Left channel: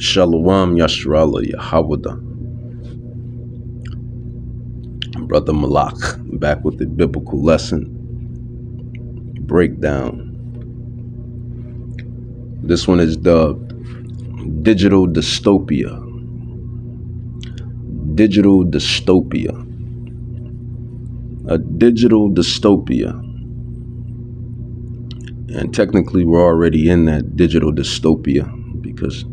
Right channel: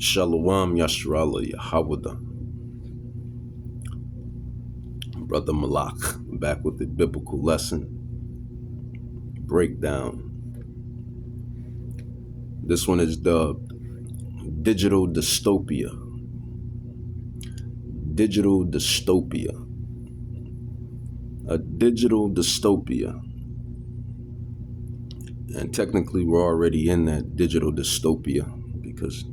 Shalom Yashrala Yahawada. Brother Malak back with the biblical lesson breakdown. This one is dubbed Digital Dystopia. Digital Dystopia. A digital dystopia. And technically we're already in that digital dystopia because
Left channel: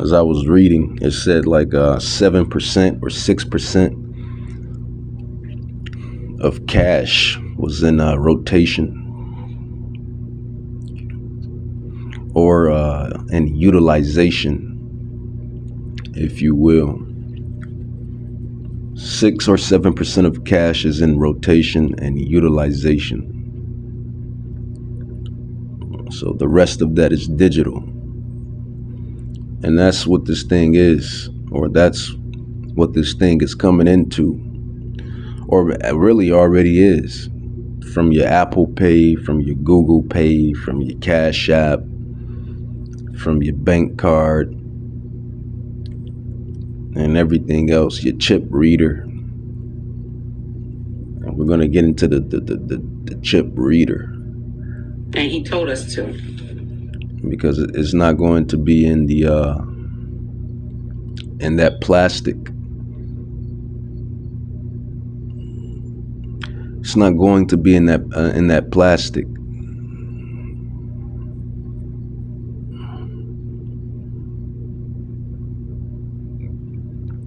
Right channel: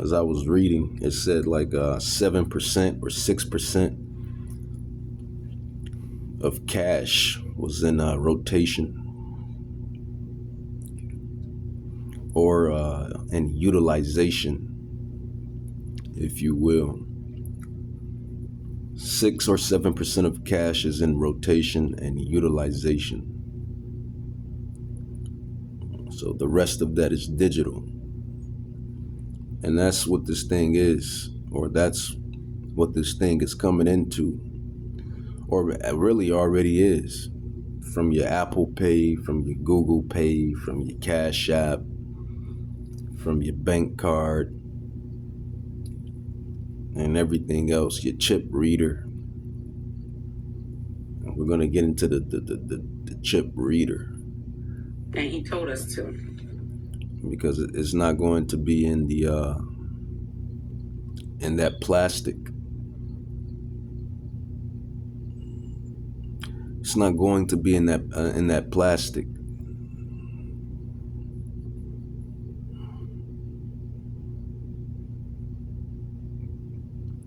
as I was reading, it said like 7% or 6% of cash was in rotation or in utilization, if you will. 6 or 7% of cash is in rotation and utilization. So the rest of that is digital. And that's what this thing is, or that's what this thing is coming into, or really already is. From your Apple Pay, from your Google Pay, from your Cash App, from your bank card, and everything else, your chip reader. And we're going to get into the chip reader. And he told us to. Because it's not going to be in the in that plastic. It's not going to be in that plastic.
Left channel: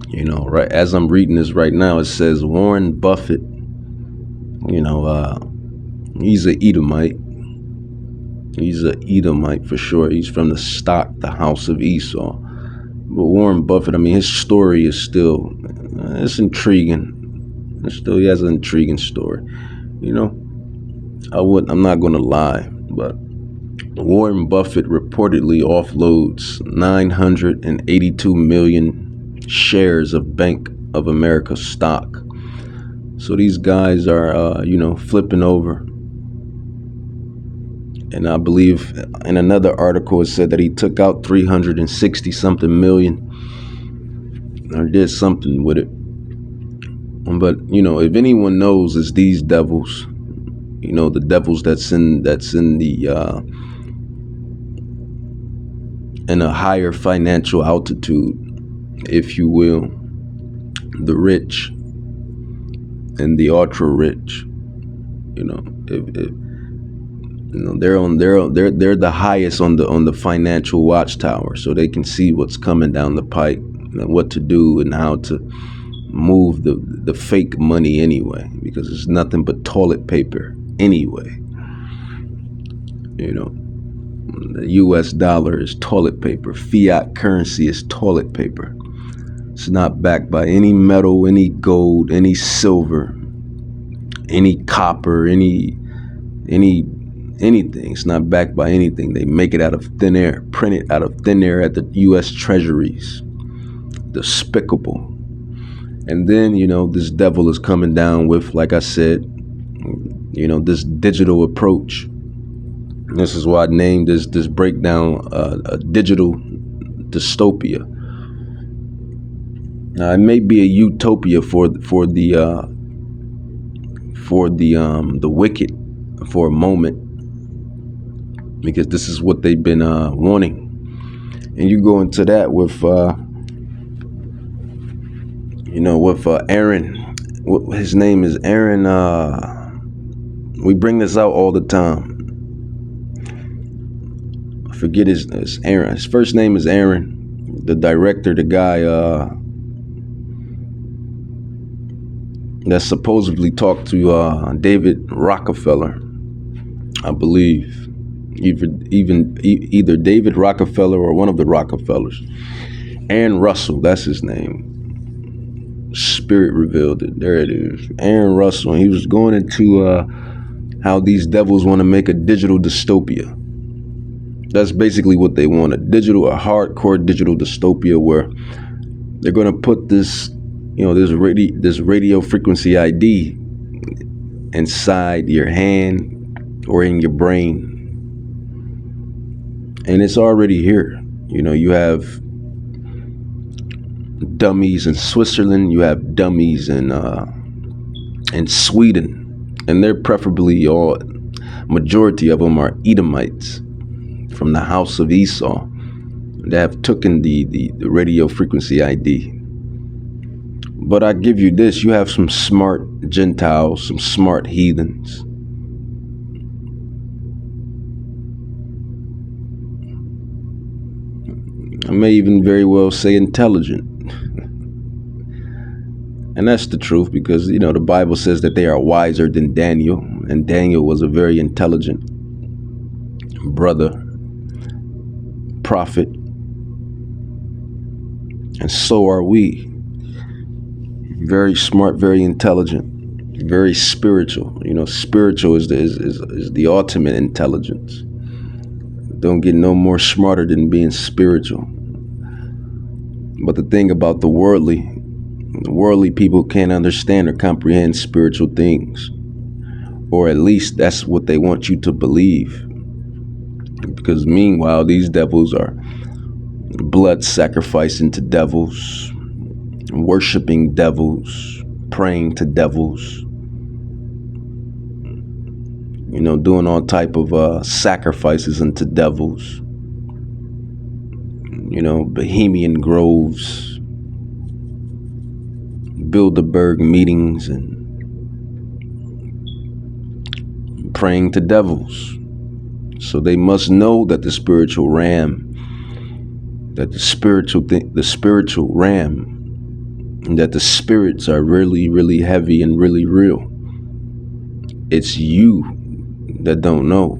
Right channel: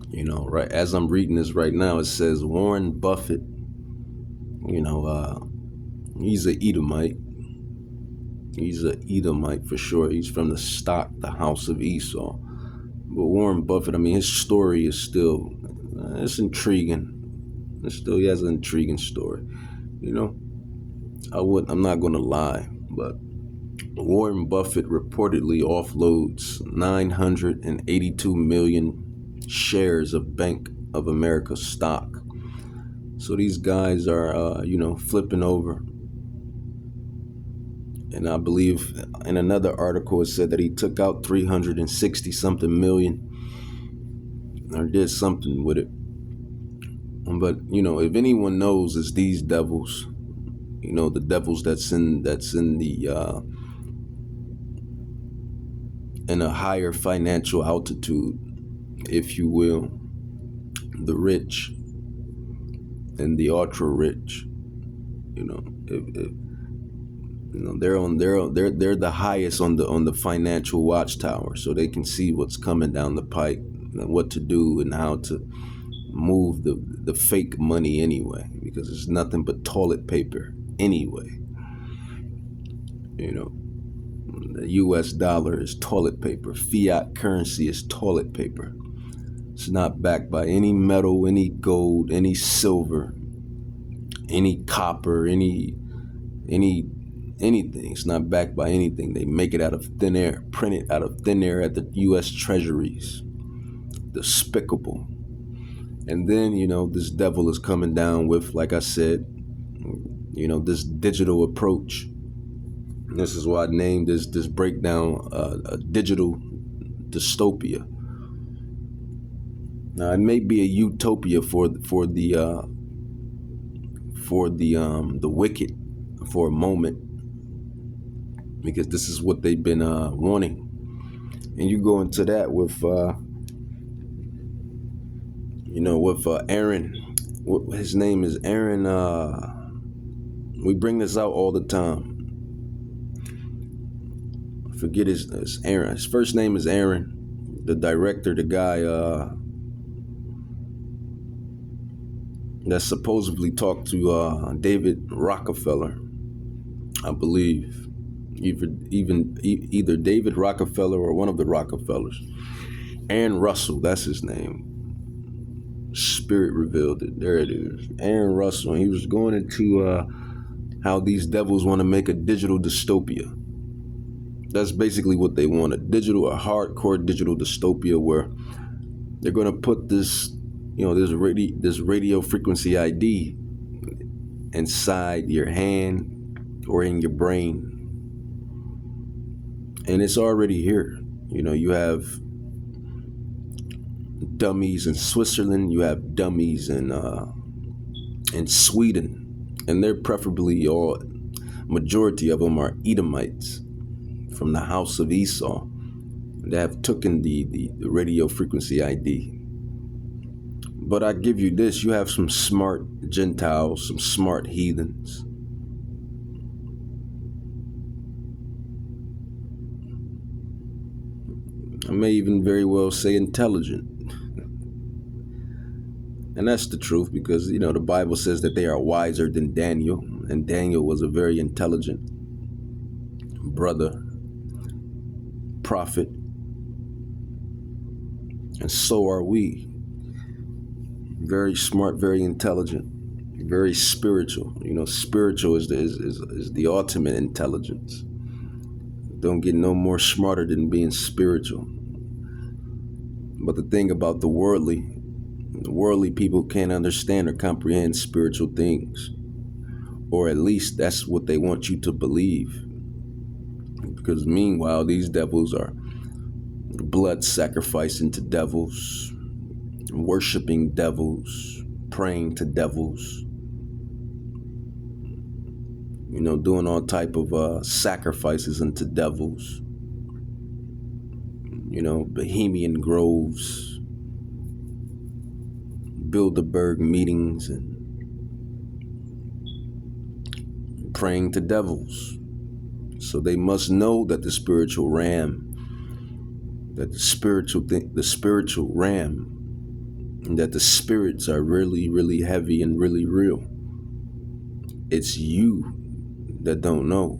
You know, right as I'm reading this right now, it says Warren Buffett. You know, he's an Edomite. He's an Edomite for sure. He's from the stock, the house of Esau. But Warren Buffett, I mean, his story is still, it's intriguing. He has an intriguing story. You know, I'm not going to lie, but Warren Buffett reportedly offloads 982 million shares of Bank of America stock. So these guys are, flipping over. And I believe in another article it said that he took out 360 something million or did something with it. But, you know, if anyone knows, it's these devils, you know, the devils that's in the in a higher financial altitude, if you will, the rich and the ultra rich, you know, you know, they're the highest on the financial watchtower, so they can see what's coming down the pike and what to do and how to move the fake money anyway, because it's nothing but toilet paper anyway. You know, the US dollar is toilet paper. Fiat currency is toilet paper. It's not backed by any metal, any gold, any silver, any copper, anything. It's not backed by anything. They make it out of thin air, print it out of thin air at the US treasuries. Despicable. And then, you know, this devil is coming down with, like I said, you know, this digital approach. This is why I named this breakdown a digital dystopia. Now, it may be a utopia for the wicked for a moment, because this is what they've been wanting. And you go into that with Aaron. His name is Aaron. We bring this out all the time. I forget his Aaron. His first name is Aaron. The director, the guy that supposedly talked to David Rockefeller, I believe. Either David Rockefeller or one of the Rockefellers. Aaron Russell, that's his name. Spirit revealed it. There it is. Aaron Russell. And he was going into how these devils want to make a digital dystopia. That's basically what they want, a hardcore digital dystopia where they're going to put this, you know, this radio frequency ID inside your hand or in your brain. And it's already here. You know, you have dummies in Switzerland, you have dummies in Sweden, and they're preferably all, majority of them are Edomites from the house of Esau that have taken the radio frequency ID. But I give you this, you have some smart Gentiles, some smart heathens. I may even very well say intelligent. And that's the truth, because, you know, the Bible says that they are wiser than Daniel, and Daniel was a very intelligent brother, prophet, and so are we. Very smart, very intelligent, very spiritual. You know, spiritual is the ultimate intelligence. Don't get no more smarter than being spiritual. But the thing about the worldly people can't understand or comprehend spiritual things. Or at least that's what they want you to believe. Because meanwhile, these devils are blood sacrificing to devils, worshiping devils, praying to devils, you know, doing all type of sacrifices unto devils. You know, Bohemian Groves, Bilderberg meetings, and praying to devils. So they must know that the spiritual ram, and that the spirits are really, really heavy and really real. It's you that don't know.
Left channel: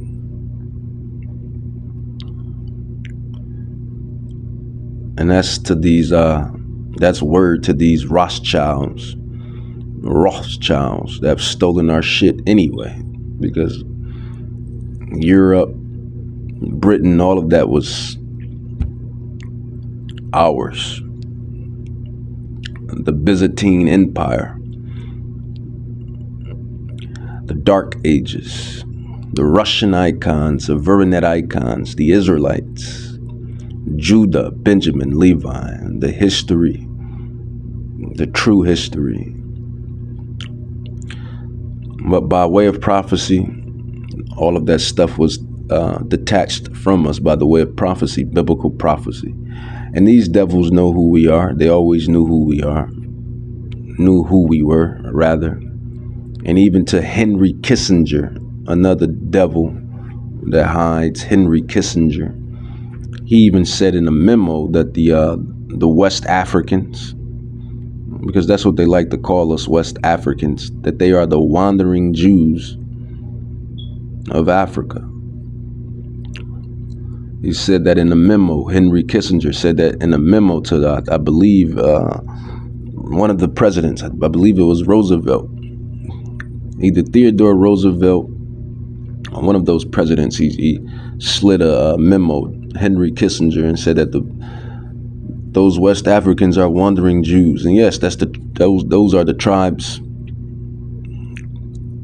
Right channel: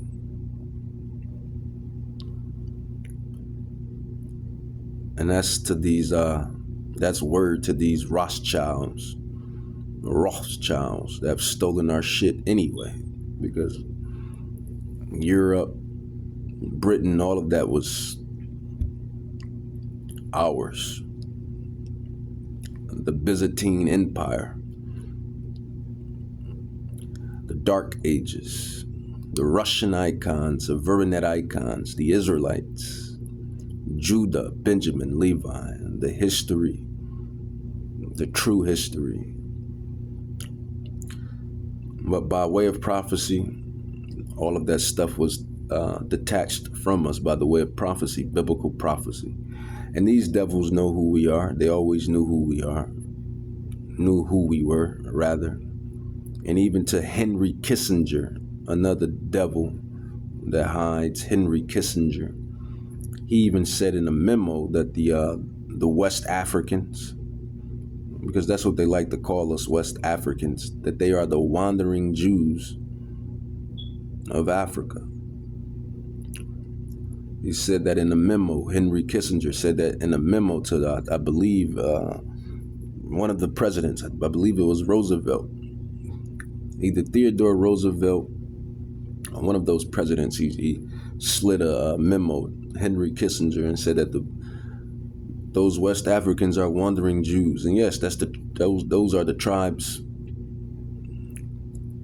And that's word to these Rothschilds that have stolen our shit anyway, because Europe, Britain, all of that was ours. The Byzantine Empire, the Dark Ages, the Russian icons, the Verinnet icons, the Israelites, Judah, Benjamin, Levi, the history, the true history. But by way of prophecy, all of that stuff was detached from us by the way of prophecy, biblical prophecy. And these devils know who we are. They always knew who we were, rather. And even to Henry Kissinger, another devil that hides, Henry Kissinger, he even said in a memo that the West Africans, because that's what they like to call us, West Africans, that they are the wandering Jews of Africa. He said that in a memo. Henry Kissinger said that in a memo to, I believe, one of the presidents. I believe it was Roosevelt. Either Theodore Roosevelt, or one of those presidents. He slid a memo, Henry Kissinger, and said that those West Africans are wandering Jews. And yes, those are the tribes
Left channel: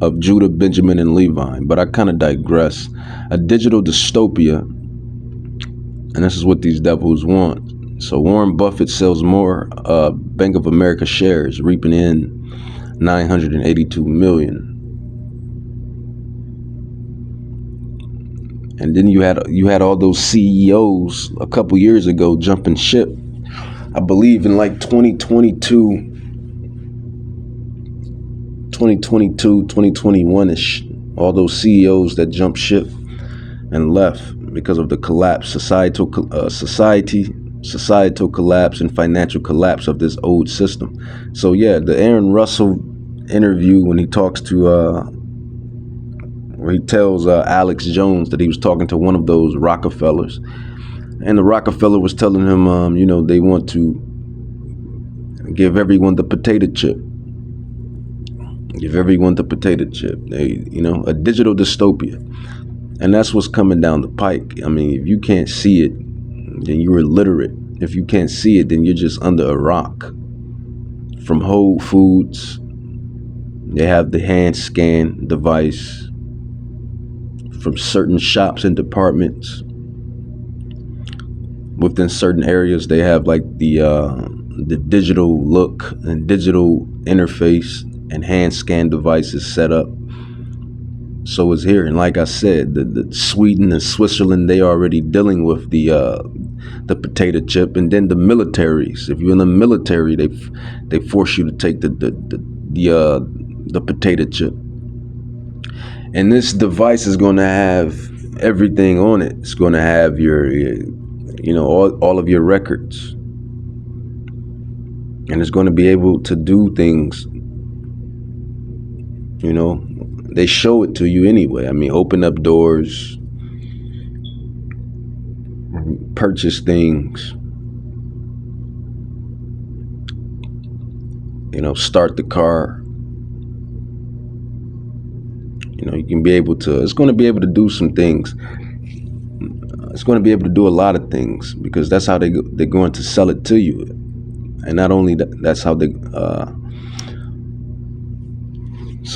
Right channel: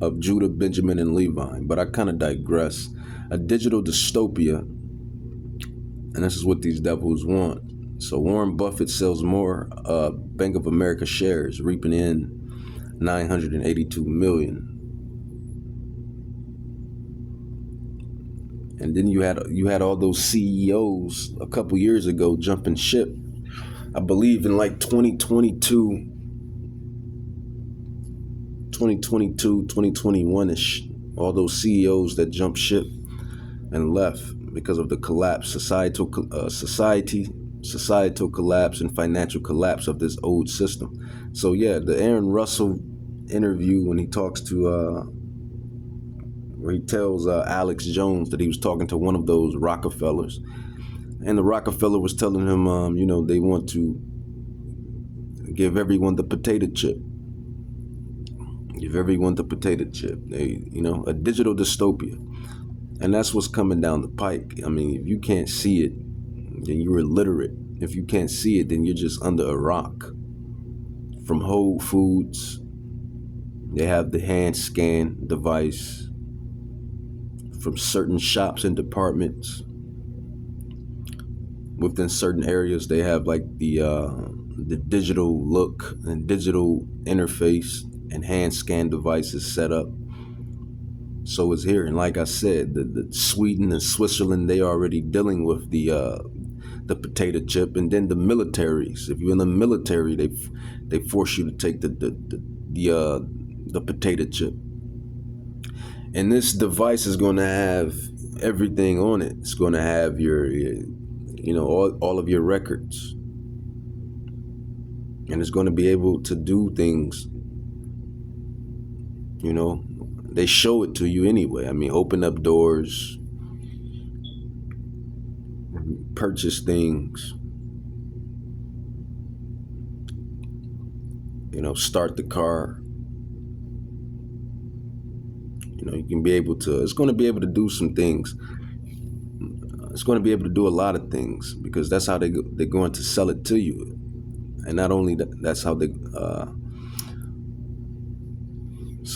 of Judah, Benjamin, and Levi. But I kind of digress. A digital dystopia, and this is what these devils want. So Warren Buffett sells more Bank of America shares, reaping in $982 million. And then you had all those CEOs a couple years ago jumping ship. I believe in like 2021-ish, all those CEOs that jumped ship and left because of the collapse, societal collapse and financial collapse of this old system. So yeah, the Aaron Russell interview, when he talks to where he tells Alex Jones that he was talking to one of those Rockefellers, and the Rockefeller was telling him, they want to give everyone the potato chip. Give everyone the potato chip. A digital dystopia. And that's what's coming down the pike. I mean, if you can't see it, then you're illiterate. If you can't see it, then you're just under a rock. From Whole Foods, they have the hand scan device. From certain shops and departments, within certain areas, they have like the digital look and digital interface and hand scan devices set up. So it's here, and like I said, the Sweden and Switzerland, they already dealing with the potato chip, and then the militaries. If you're in the military, they force you to take the potato chip, and this device is going to have everything on it. It's going to have your all of your records, and it's going to be able to do things. They show it to you anyway. I mean, open up doors, purchase things, start the car. You can be able to, it's going to be able to do some things. It's going to be able to do a lot of things, because that's how they're going to sell it to you. And not only that's how it's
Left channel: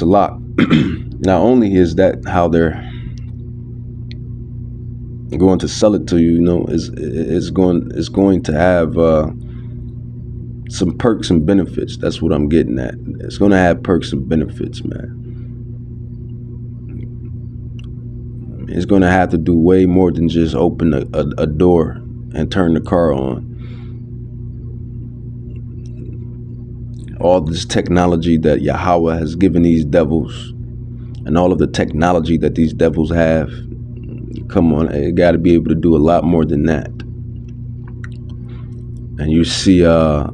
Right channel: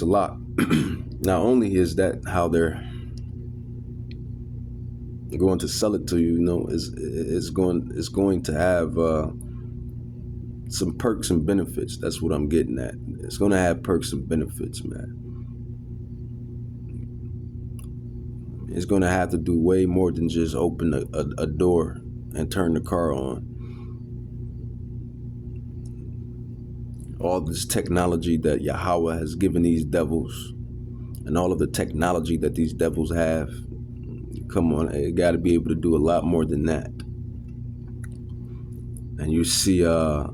a lot. Not only is that how they're going to sell it to you, it's going to have some perks and benefits. That's what I'm getting at. It's going to have perks and benefits, man. It's going to have to do way more than just open a door and turn the car on. All this technology that Yahweh has given these devils, and all of the technology that these devils have, come on, it got to be able to do a lot more than that. And you see, I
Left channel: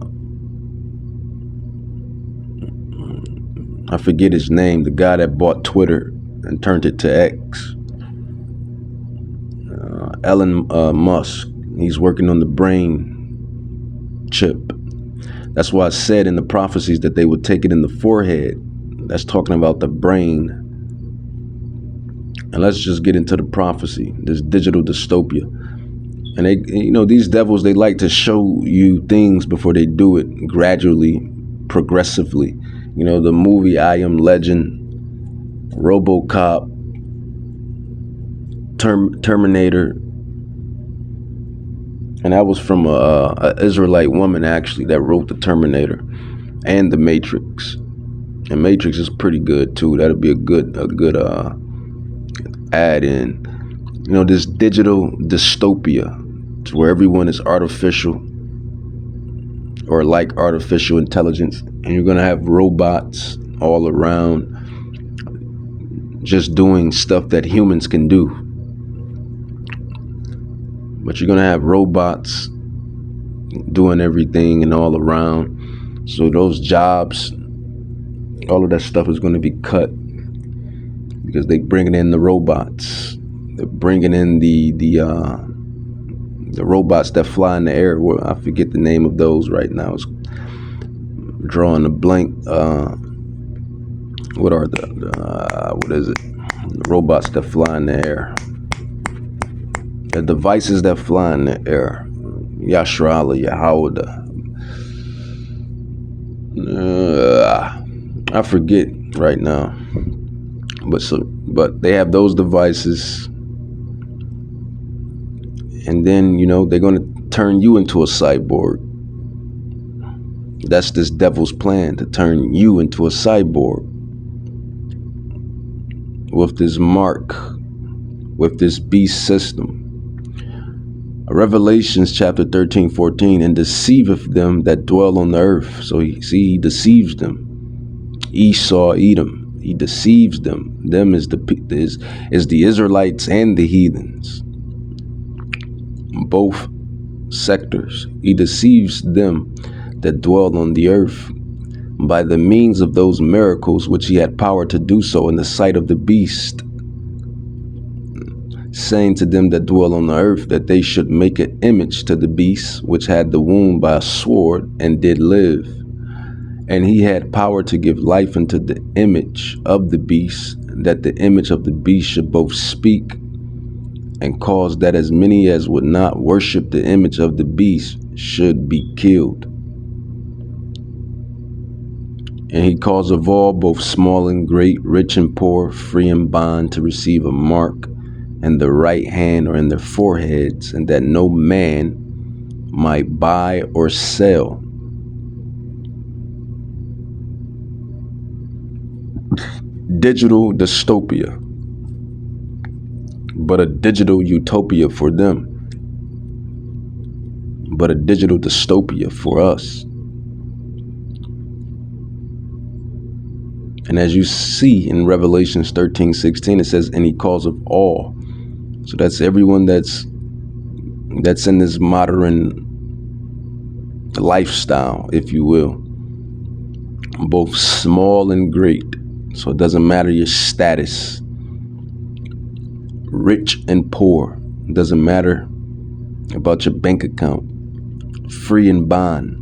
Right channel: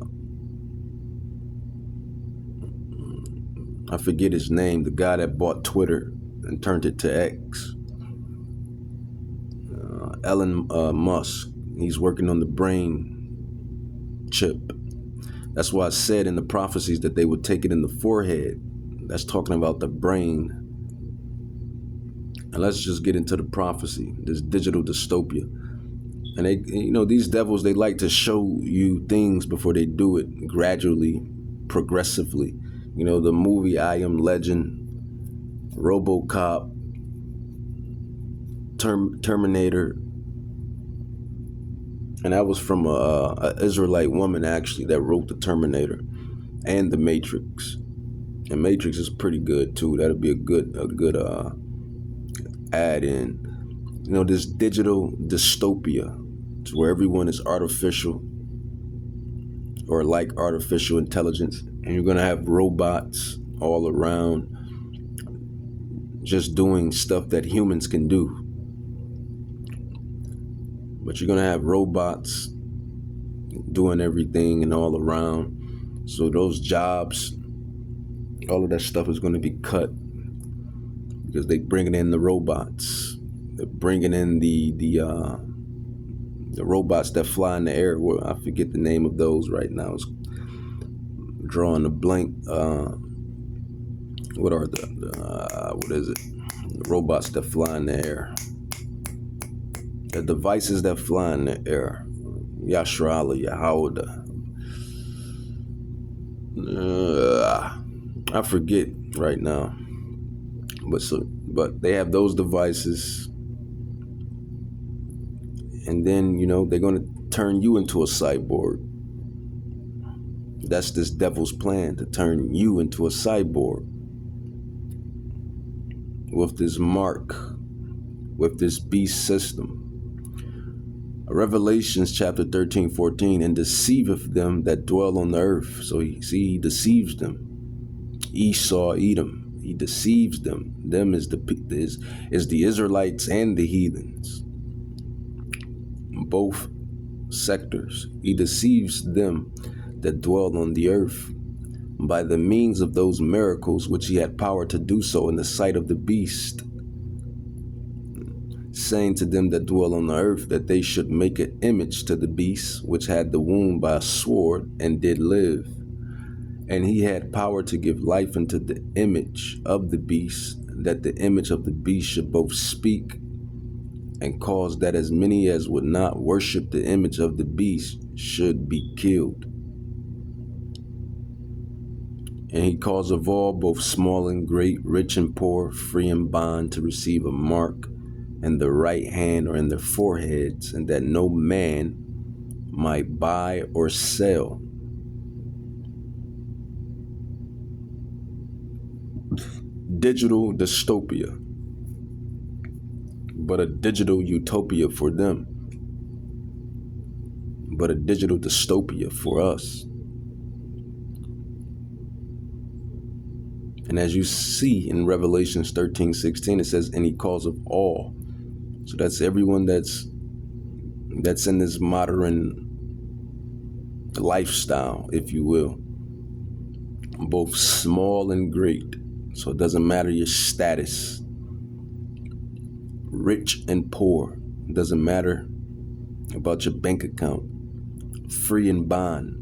forget his name, the guy that bought Twitter and turned it to X. Elon Musk. He's working on the brain chip. That's why I said in the prophecies that they would take it in the forehead. That's talking about the brain. And let's just get into the prophecy, this digital dystopia. And they, these devils, they like to show you things before they do it, gradually, progressively. The movie I Am Legend, RoboCop, Terminator. And that was from a Israelite woman, actually, that wrote the Terminator and the Matrix. And Matrix is pretty good too. That'll be a good add in. This digital dystopia, to where everyone is artificial or like artificial intelligence, and you're gonna have robots all around just doing stuff that humans can do. But you're gonna have robots doing everything and all around. So those jobs, all of that stuff is gonna be cut, because they bringing in the robots. They're bringing in the robots that fly in the air. Well, I forget the name of those right now. It's drawing a blank. What are what is it? The robots that fly in the air. The devices that fly in the air. Yashrala, Yahawada. I forget right now. But they have those devices. And then, they're going to turn you into a cyborg. That's this devil's plan, to turn you into a cyborg. With this mark, with this beast system. Revelations chapter 13:14, and deceiveth them that dwell on the earth. So he deceives them. Esau, Edom, he deceives them. Them is the Israelites and the heathens. Both sectors. He deceives them that dwell on the earth by the means of those miracles which he had power to do so in the sight of the beast, saying to them that dwell on the earth that they should make an image to the beast which had the wound by a sword and did live. And he had power to give life unto the image of the beast, that the image of the beast should both speak and cause that as many as would not worship the image of the beast should be killed. And he caused of all, both small and great, rich and poor, free and bond, to receive a mark in the right hand or in their foreheads, and that no man might buy or sell. Digital dystopia, but a digital utopia for them, but a digital dystopia for us. And as you see in Revelations 13:16, it says, and he calls of all. So that's everyone that's in this modern lifestyle, if you will, both small and great. So it doesn't matter your status, rich and poor. It doesn't matter about your bank account, free and bond.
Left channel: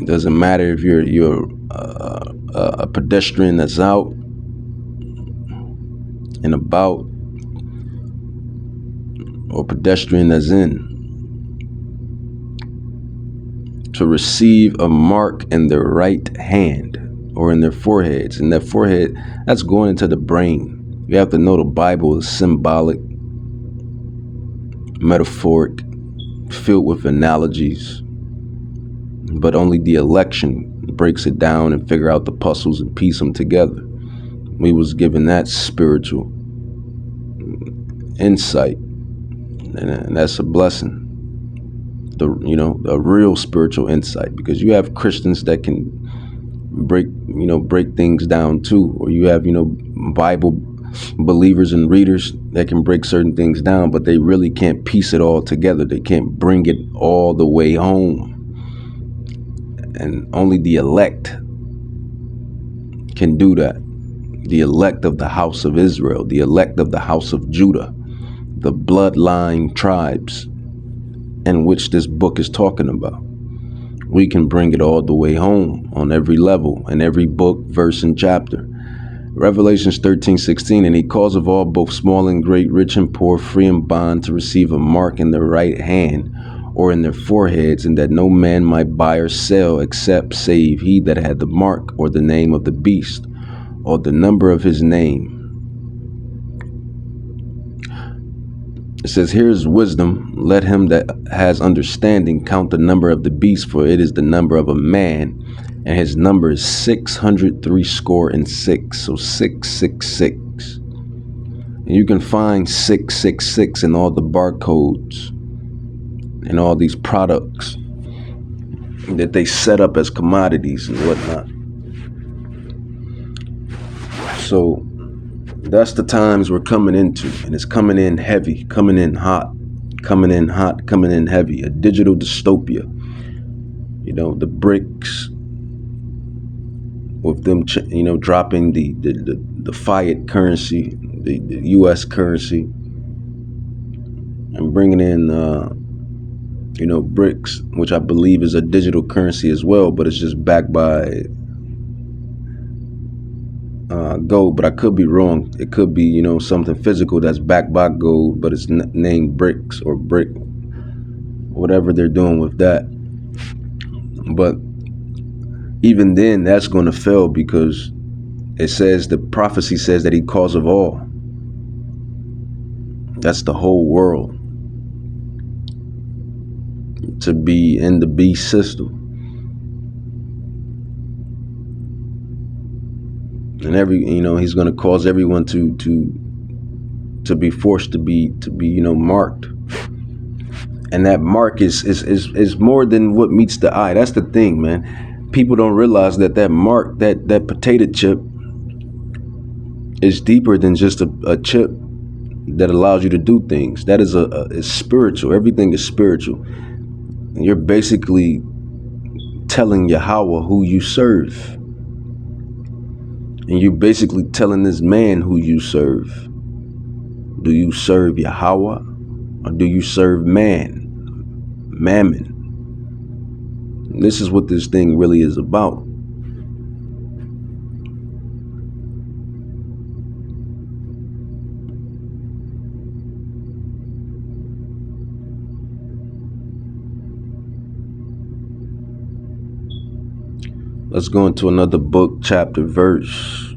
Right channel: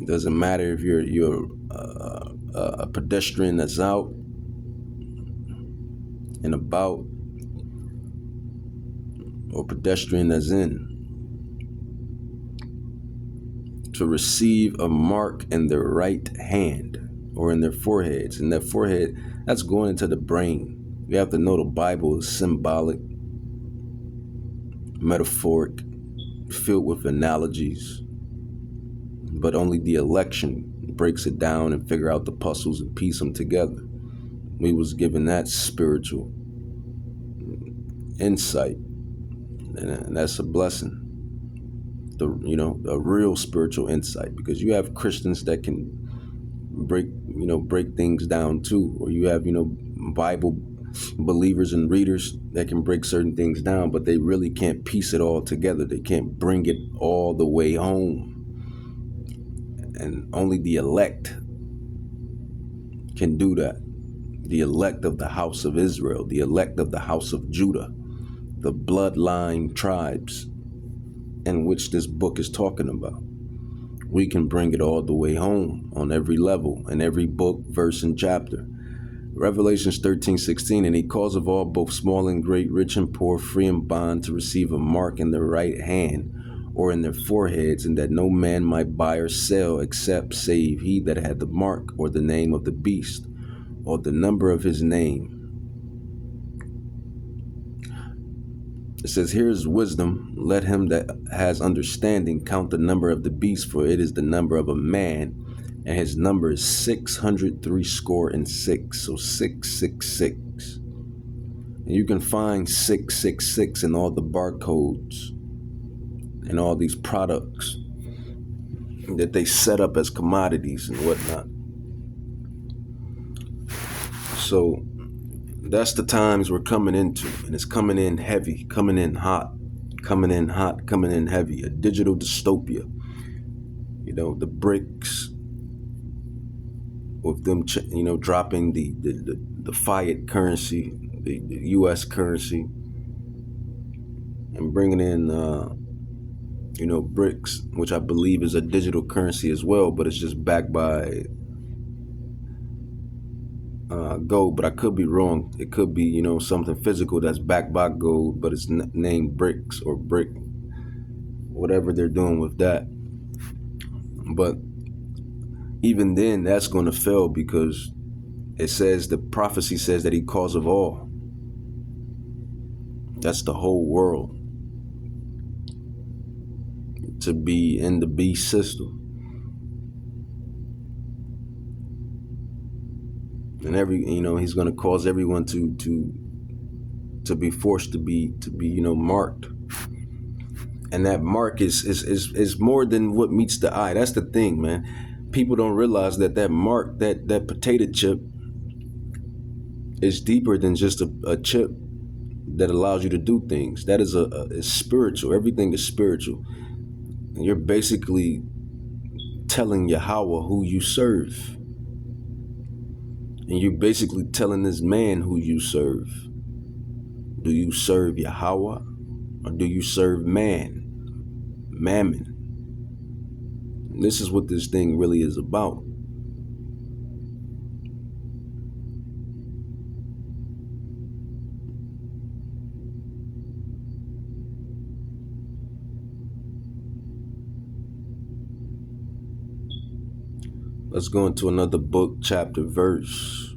It doesn't matter if you're a pedestrian that's out and about, or pedestrian that's in. To receive a mark in their right hand or in their foreheads. And that forehead, that's going into the brain. You have to know the Bible is symbolic, metaphoric, filled with analogies. But only the election breaks it down and figure out the puzzles and piece them together. We was given that spiritual insight, and that's a blessing. The real spiritual insight, because you have Christians that can break things down too, or you have Bible believers and readers that can break certain things down, but they really can't piece it all together. They can't bring it all the way home. And only the elect can do that. The elect of the house of Israel, the elect of the house of Judah, the bloodline tribes in which this book is talking about. We can bring it all the way home on every level, in every book, verse, and chapter. Revelations 13:16, and he calls of all, both small and great, rich and poor, free and bond, to receive a mark in their right hand or in their foreheads, and that no man might buy or sell except save he that had the mark or the name of the beast or the number of his name. It says, here's wisdom. Let him that has understanding count the number of the beast, for it is the number of a man, and his number is 666. So 666. And you can find 666 in all the barcodes and all these products that they set up as commodities and whatnot. So that's the times we're coming into, and it's coming in heavy, coming in hot, coming in heavy. A digital dystopia. The BRICS, with them, dropping the fiat currency, the U.S. currency, and bringing in, BRICS, which I believe is a digital currency as well, but it's just backed by gold. But I could be wrong. It could be, something physical that's backed by gold, but it's named BRICS or BRIC, whatever they're doing with that. But even then, that's going to fail, because it says, the prophecy says that he calls of all. That's the whole world to be in the beast system. And he's going to cause everyone to be forced to be marked. And that mark is more than what meets the eye. That's the thing, man. People don't realize that mark, that potato chip, is deeper than just a chip that allows you to do things. That is is spiritual. Everything is spiritual. And you're basically telling Yahweh who you serve. And you're basically telling this man who you serve. Do you serve Yahweh, or do you serve mammon? And this is what this thing really is about. Let's go into another book, chapter, verse.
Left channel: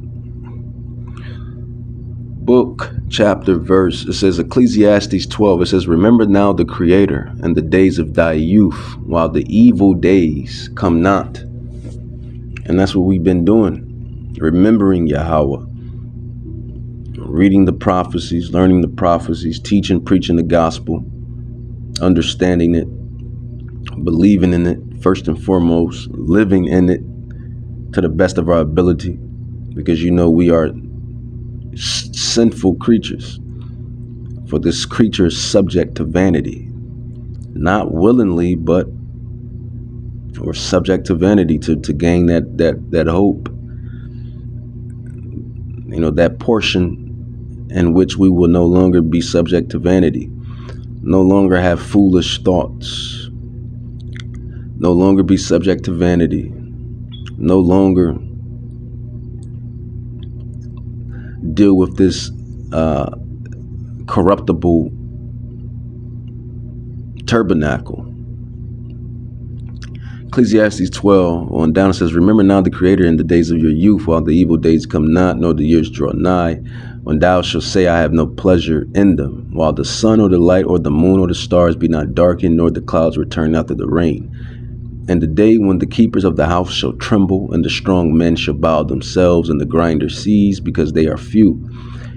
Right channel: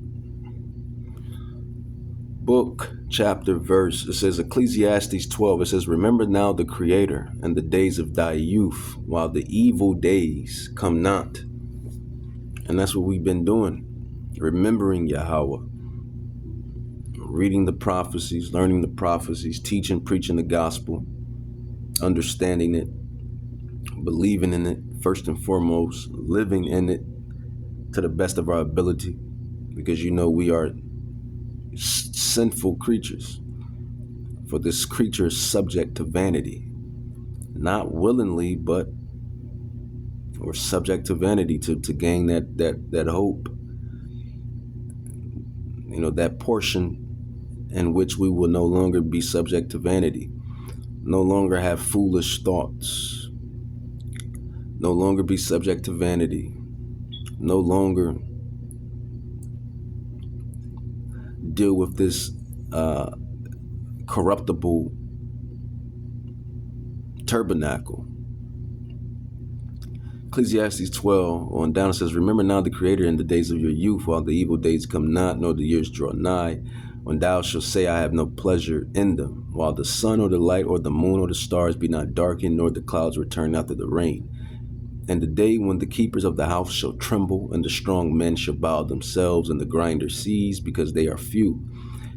book, chapter, verse. It says Ecclesiastes 12. It says, remember now the Creator and the days of thy youth, while the evil days come not. And that's what we've been doing. Remembering Yahweh. Reading the prophecies, learning the prophecies, teaching, preaching the gospel, understanding it, believing in it, first and foremost, living in it to the best of our ability, because we are sinful creatures. For this creature is subject to vanity, not willingly, but we're subject to vanity to gain that hope, that portion in which we will no longer be subject to vanity, no longer have foolish thoughts, no longer be subject to vanity, no longer deal with this corruptible tabernacle. Ecclesiastes 12 on down says, remember now the Creator in the days of your youth, while the evil days come not, nor the years draw nigh, when thou shalt say, I have no pleasure in them, while the sun or the light or the moon or the stars be not darkened, nor the clouds return after the rain. And the day when the keepers of the house shall tremble, and the strong men shall bow themselves, and the grinder cease, because they are few.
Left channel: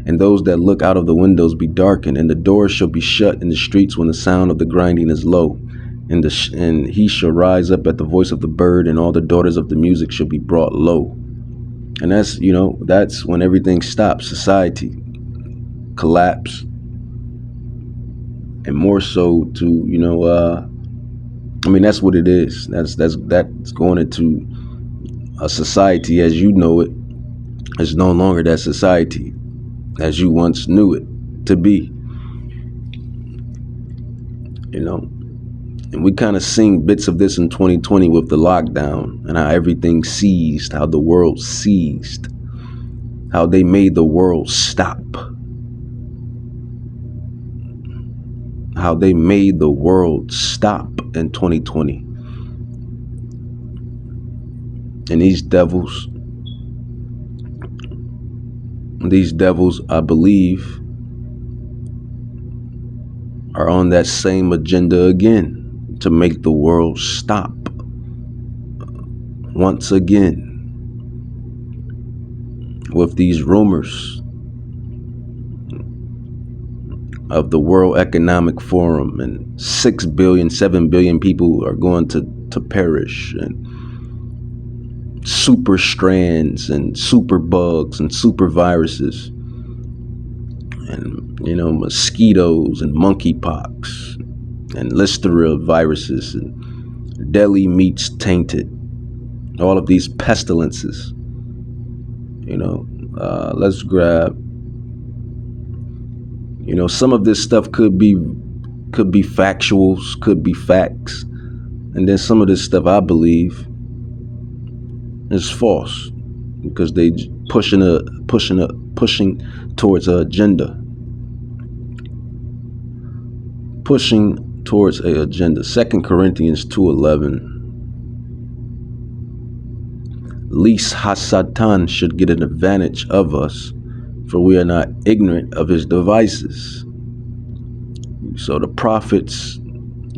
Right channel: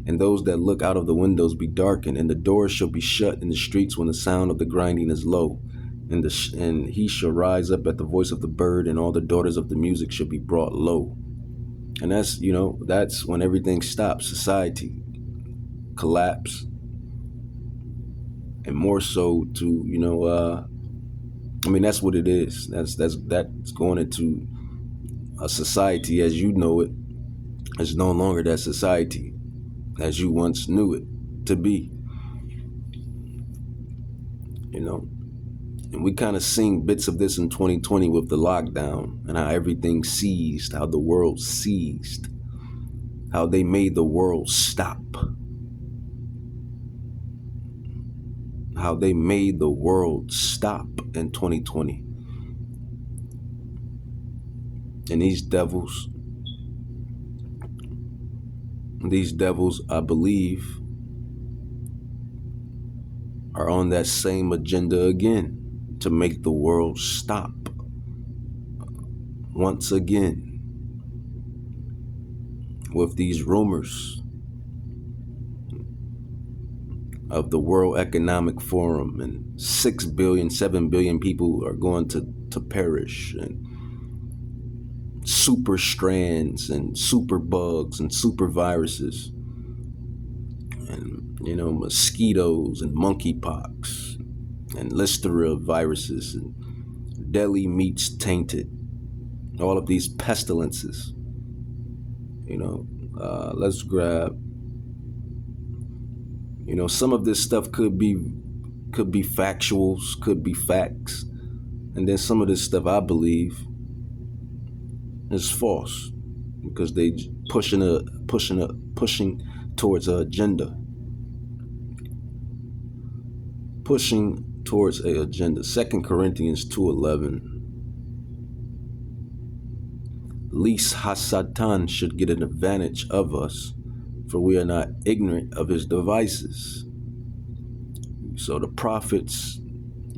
And those that look out of the windows be darkened, and the doors shall be shut in the streets when the sound of the grinding is low. And he shall rise up at the voice of the bird, and all the daughters of the music shall be brought low. And that's when everything stops. Society collapse, and more so to that's what it is. That's going into a society as you know it is no longer that society as you once knew it to be. And we kind of seen bits of this in 2020 with the lockdown and how everything ceased, how the world ceased, how they made the world stop, how they made the world stop in 2020. And these devils, I believe, are on that same agenda again, to make the world stop once again with these rumors of the World Economic Forum, and 6 billion, 7 billion people are going to perish, and super strands and super bugs and super viruses, and mosquitoes and monkeypox and Listeria viruses and deli meats tainted, all of these pestilences. Let's grab, some of this stuff could be factuals, could be facts, and then some of this stuff I believe is false, because they pushing towards an agenda. Pushing towards a agenda. 2 Corinthians 2:11. Least Hasatan should get an advantage of us, for we are not ignorant of his devices. So the prophets,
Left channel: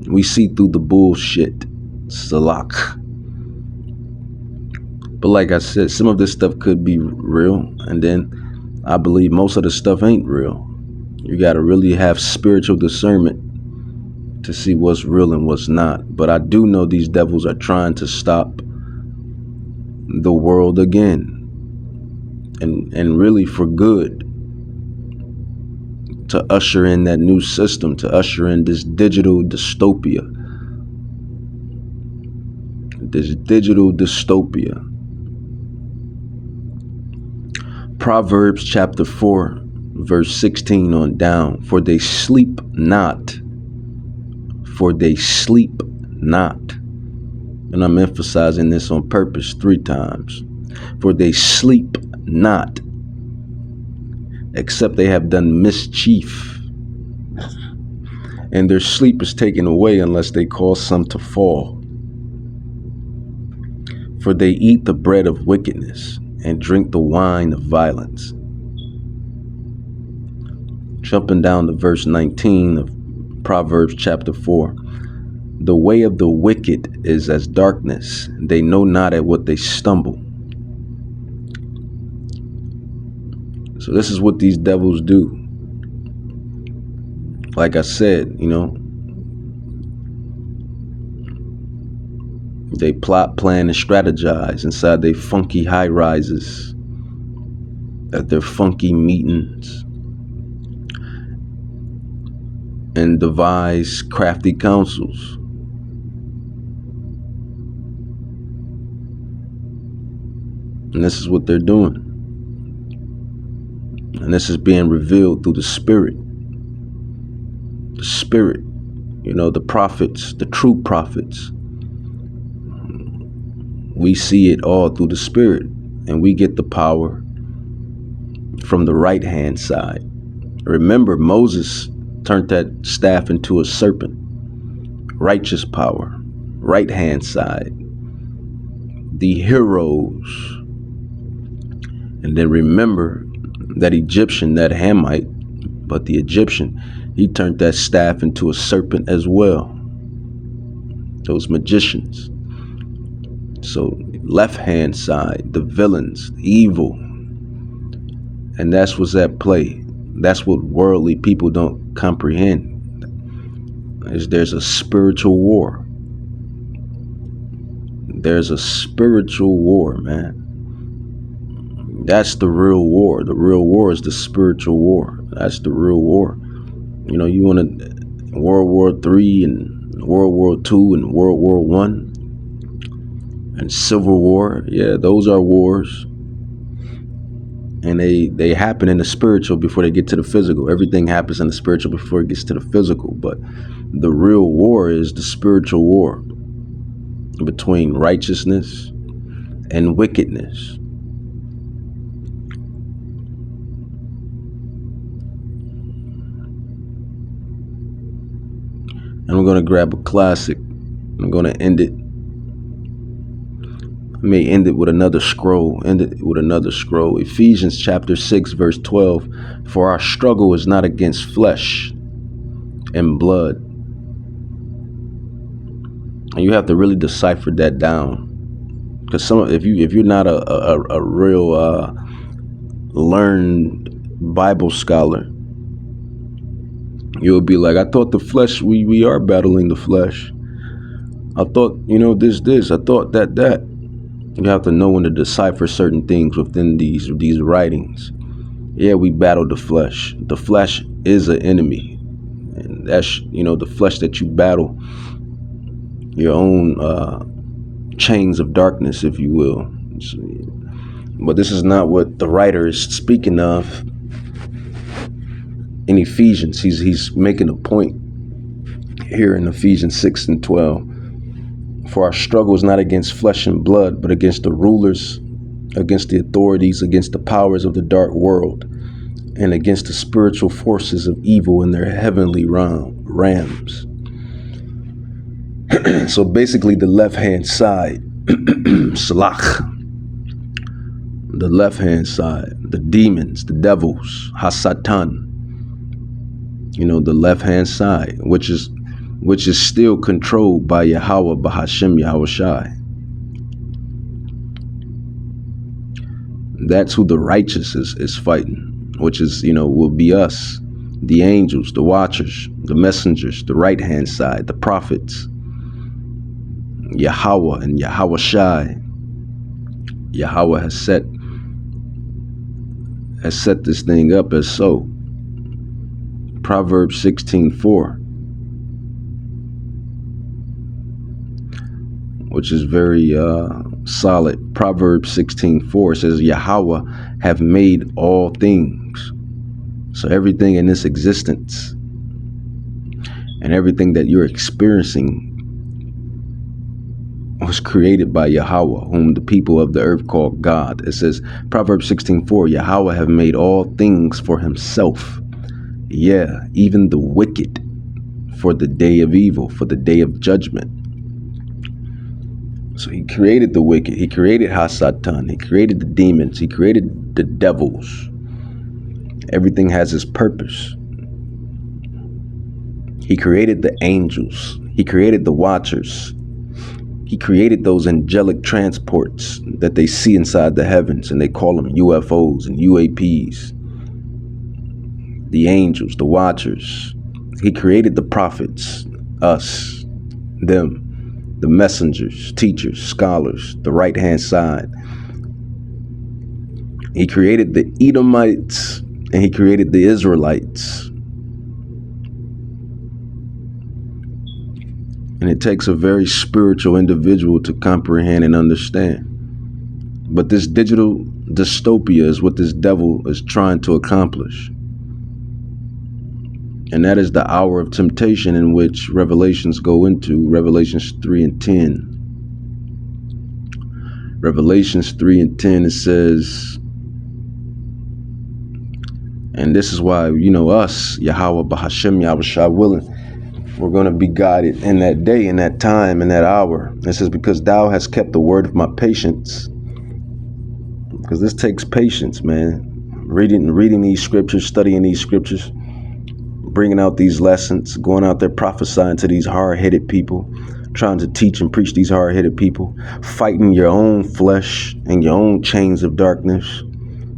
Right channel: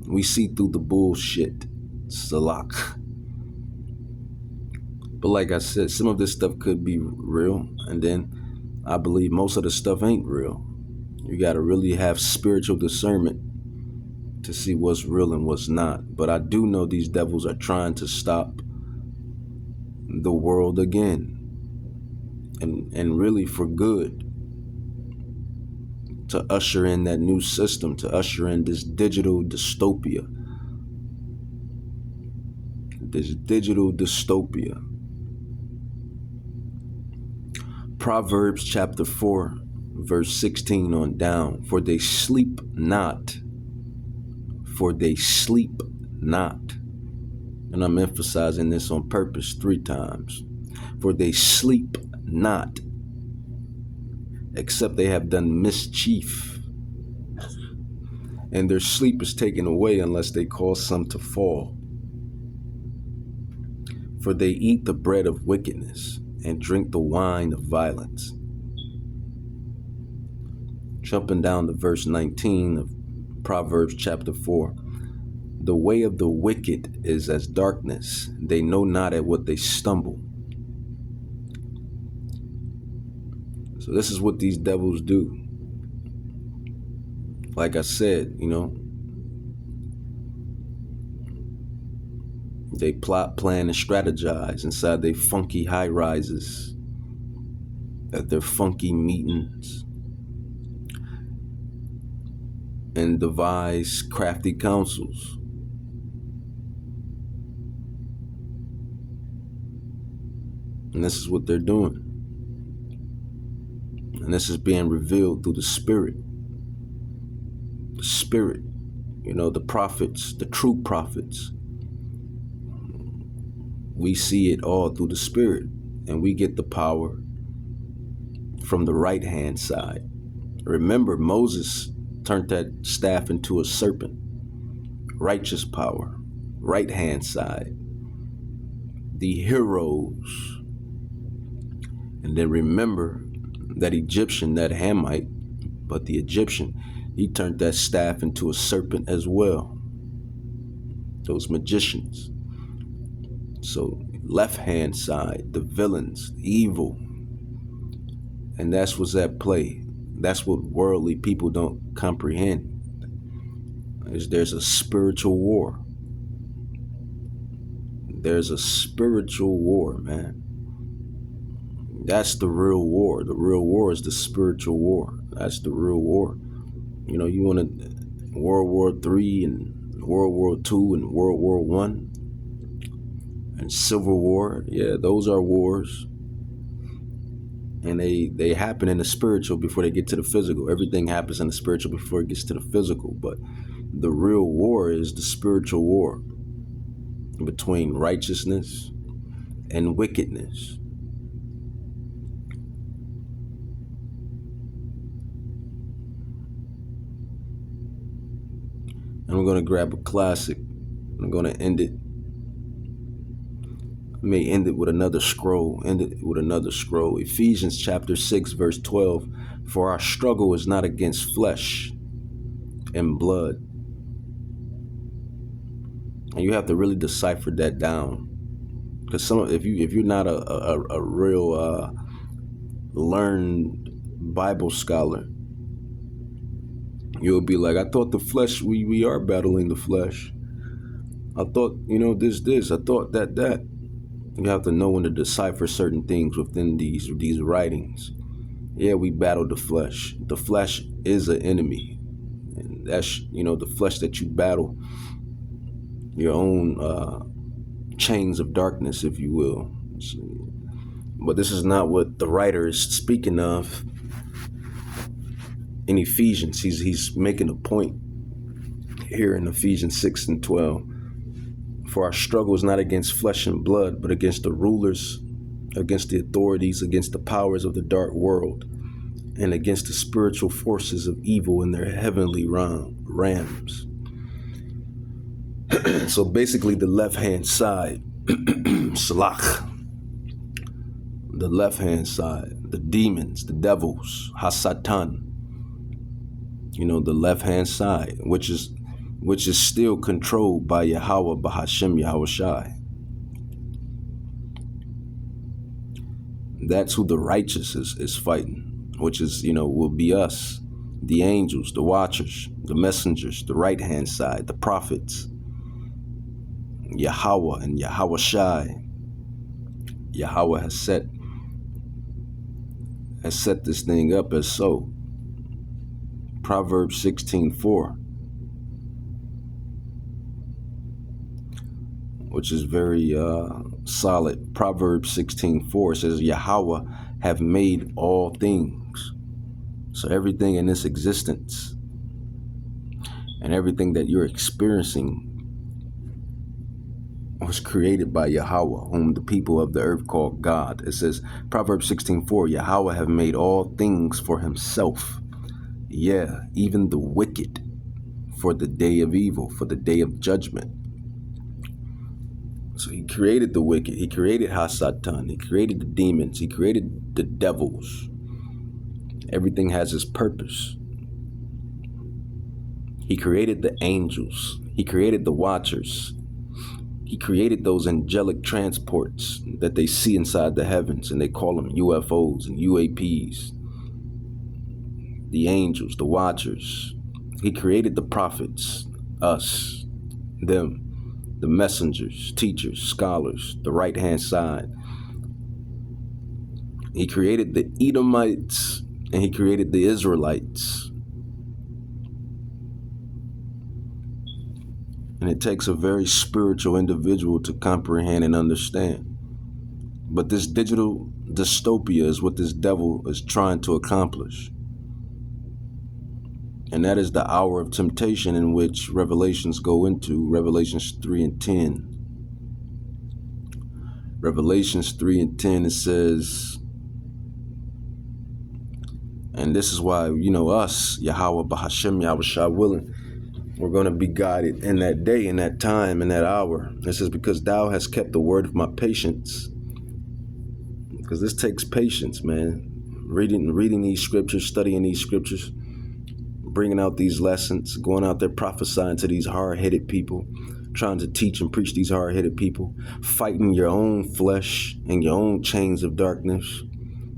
we see through the bullshit. Salak. But like I said, some of this stuff could be real, and then I believe most of the stuff ain't real. You got to really have spiritual discernment to see what's real and what's not. But I do know these devils are trying to stop the world again, and really for good, to usher in that new system, to usher in this digital dystopia. Proverbs chapter 4 verse 16 on down. For they sleep not. And I'm emphasizing this on purpose 3 times. For they sleep not, except they have done mischief. And their sleep is taken away unless they cause some to fall. For they eat the bread of wickedness and drink the wine of violence. Jumping down to verse 19 of Proverbs chapter 4. The way of the wicked is as darkness. They know not at what they stumble. So this is what these devils do. Like I said, they plot, plan, and strategize inside their funky high rises, at their funky meetings, and devise crafty counsels. And this is what they're doing. And this is being revealed through the Spirit. The Spirit, the prophets, the true prophets. We see it all through the Spirit, and we get the power from the right hand side. Remember, Moses turned that staff into a serpent. Righteous power, right hand side. The heroes. And then remember that Egyptian, that Hamite, but the Egyptian, he turned that staff into a serpent as well. Those magicians. So left hand side, the villains, evil. And that's what's at play. That's what worldly people don't comprehend. There's a spiritual war. There's a spiritual war, man. That's the real war. The real war is the spiritual war. That's the real war. You want to World War III and World War II and World War I and Civil War. Yeah, those are wars. And they happen in the spiritual before they get to the physical. Everything happens in the spiritual before it gets to the physical. But the real war is the spiritual war between righteousness and wickedness. And I'm going to grab a classic. I'm going to end it. I may end it with another scroll. Ephesians chapter 6, verse 12. For our struggle is not against flesh and blood. And you have to really decipher that down. Because if you're not a real learned Bible scholar, you'll be like, I thought the flesh, we are battling the flesh. I thought, this. I thought that. You have to know when to decipher certain things within these writings. Yeah, we battle the flesh. The flesh is an enemy. And that's, the flesh that you battle. Your own chains of darkness, if you will. But this is not what the writer is speaking of. In Ephesians, he's making a point here in Ephesians 6 and 12. For our struggle is not against flesh and blood, but against the rulers, against the authorities, against the powers of the dark world, and against the spiritual forces of evil in their heavenly realms. So basically the left-hand side, Salach, the left-hand side, the demons, the devils, Hasatan, the left-hand side, which is still controlled by Yahweh, Bahashem, Yahweh Shai. That's who the righteous is fighting, which is, will be us, the angels, the watchers, the messengers, the right-hand side, the prophets, Yahweh and Yahweh Shai. Yahweh has set this thing up as so. Proverbs 16:4. Which is very solid. Proverbs 16:4 says, Yahweh have made all things. So everything in this existence and everything that you're experiencing was created by Yahweh, whom the people of the earth call God. It says, Proverbs 16:4, Yahweh have made all things for himself. Yeah, even the wicked for the day of evil, for the day of judgment. So he created the wicked. He created Hasatan. He created the demons. He created the devils. Everything has its purpose. He created the angels. He created the watchers. He created those angelic transports that they see inside the heavens, and they call them UFOs and UAPs. The angels, the watchers. He created the prophets, us, them, the messengers, teachers, scholars, the right-hand side. He created the Edomites, and he created the Israelites. And it takes a very spiritual individual to comprehend and understand. But this digital dystopia is what this devil is trying to accomplish. And that is the hour of temptation in which Revelations go into, Revelations 3 and 10. Revelations 3 and 10, it says, and this is why, us, Yahweh, Bahashem, Yahushua willing, we're going to be guided in that day, in that time, in that hour. It says, because thou hast kept the word of my patience. Because this takes patience, man. Reading these scriptures, studying these scriptures, bringing out these lessons, going out there prophesying to these hard-headed people, trying to teach and preach these hard-headed people, fighting your own flesh and your own chains of darkness,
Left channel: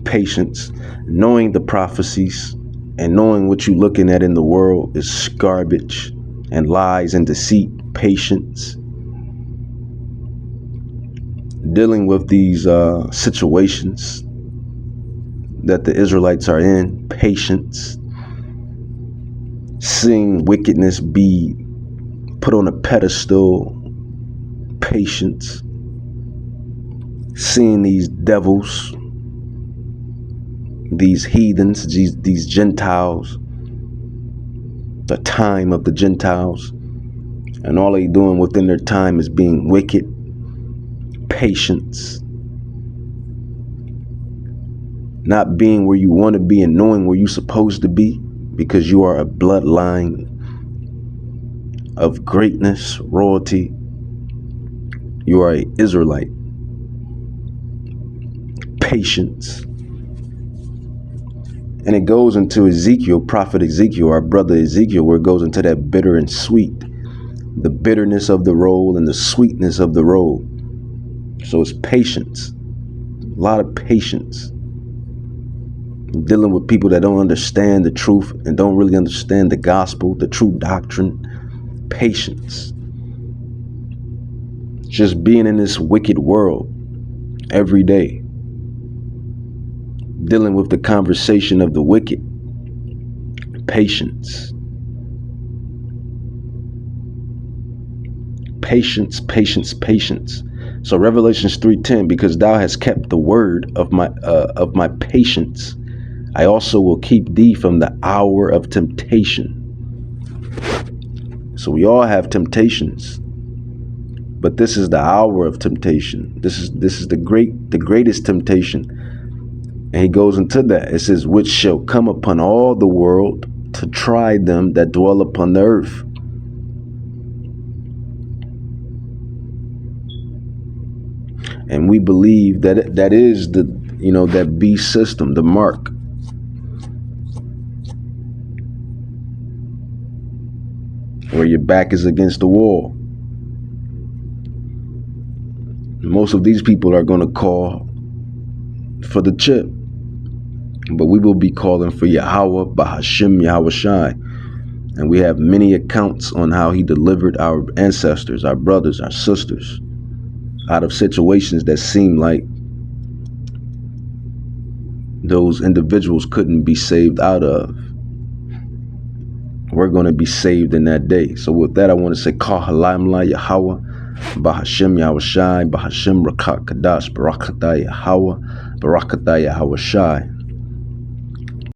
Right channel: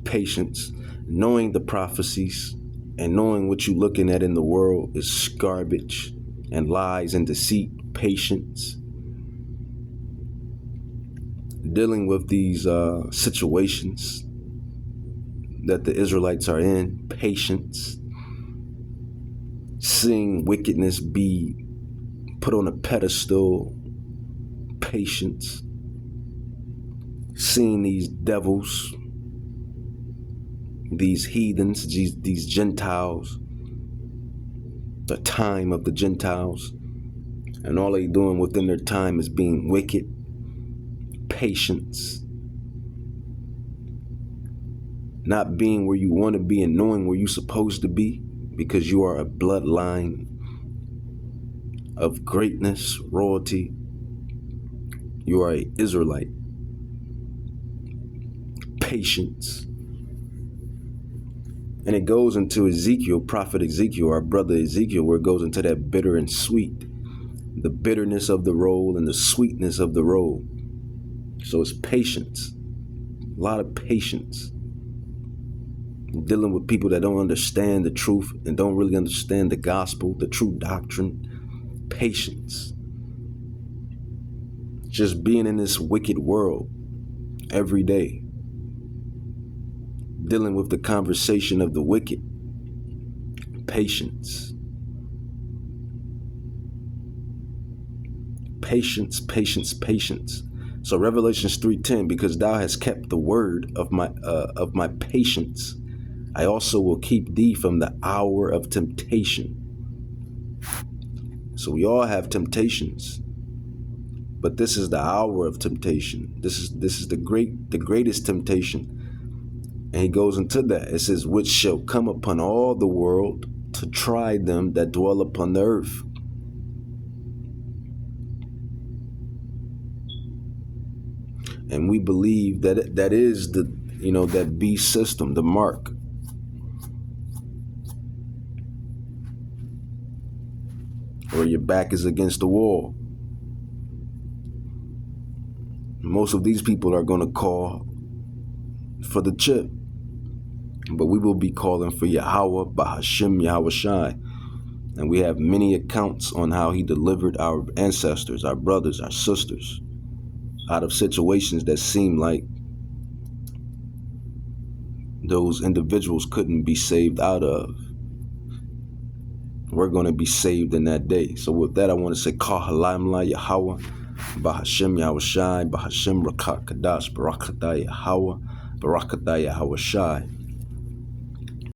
patience, knowing the prophecies and knowing what you're looking at in the world is garbage and lies and deceit, patience. Dealing with these situations that the Israelites are in, patience. Seeing wickedness be put on a pedestal, patience. Seeing these devils, these heathens, these Gentiles, the time of the Gentiles, and all they doing within their time is being wicked, patience. Not being where you want to be and knowing where you're supposed to be, because you are a bloodline of greatness, royalty. You are an Israelite. Patience. And it goes into Ezekiel, prophet Ezekiel, our brother Ezekiel, where it goes into that bitter and sweet. The bitterness of the roll and the sweetness of the roll. So it's patience. A lot of patience. Dealing with people that don't understand the truth and don't really understand the gospel, the true doctrine. Patience. Just being in this wicked world every day. Dealing with the conversation of the wicked. Patience. Patience, patience, patience. So Revelations 3:10, because thou hast kept the word of my patience, I also will keep thee from the hour of temptation. So we all have temptations, but this is the hour of temptation. This is the greatest temptation. And he goes into that. It says, which shall come upon all the world to try them that dwell upon the earth. And we believe that that is the, that beast system, the mark. Where your back is against the wall. Most of these people are going to call for the chip. But we will be calling for Yahweh, Bahashem, Yahushai. And we have many accounts on how he delivered our ancestors, our brothers, our sisters, out of situations that seem like those individuals couldn't be saved out of. We're going to be saved in that day. So with that, I want to say, Kahalamla Yahweh, Bahashem Yahushai, Bahashem Rakat Kadash, Barakatah Yahweh, Barakatah Yahushai.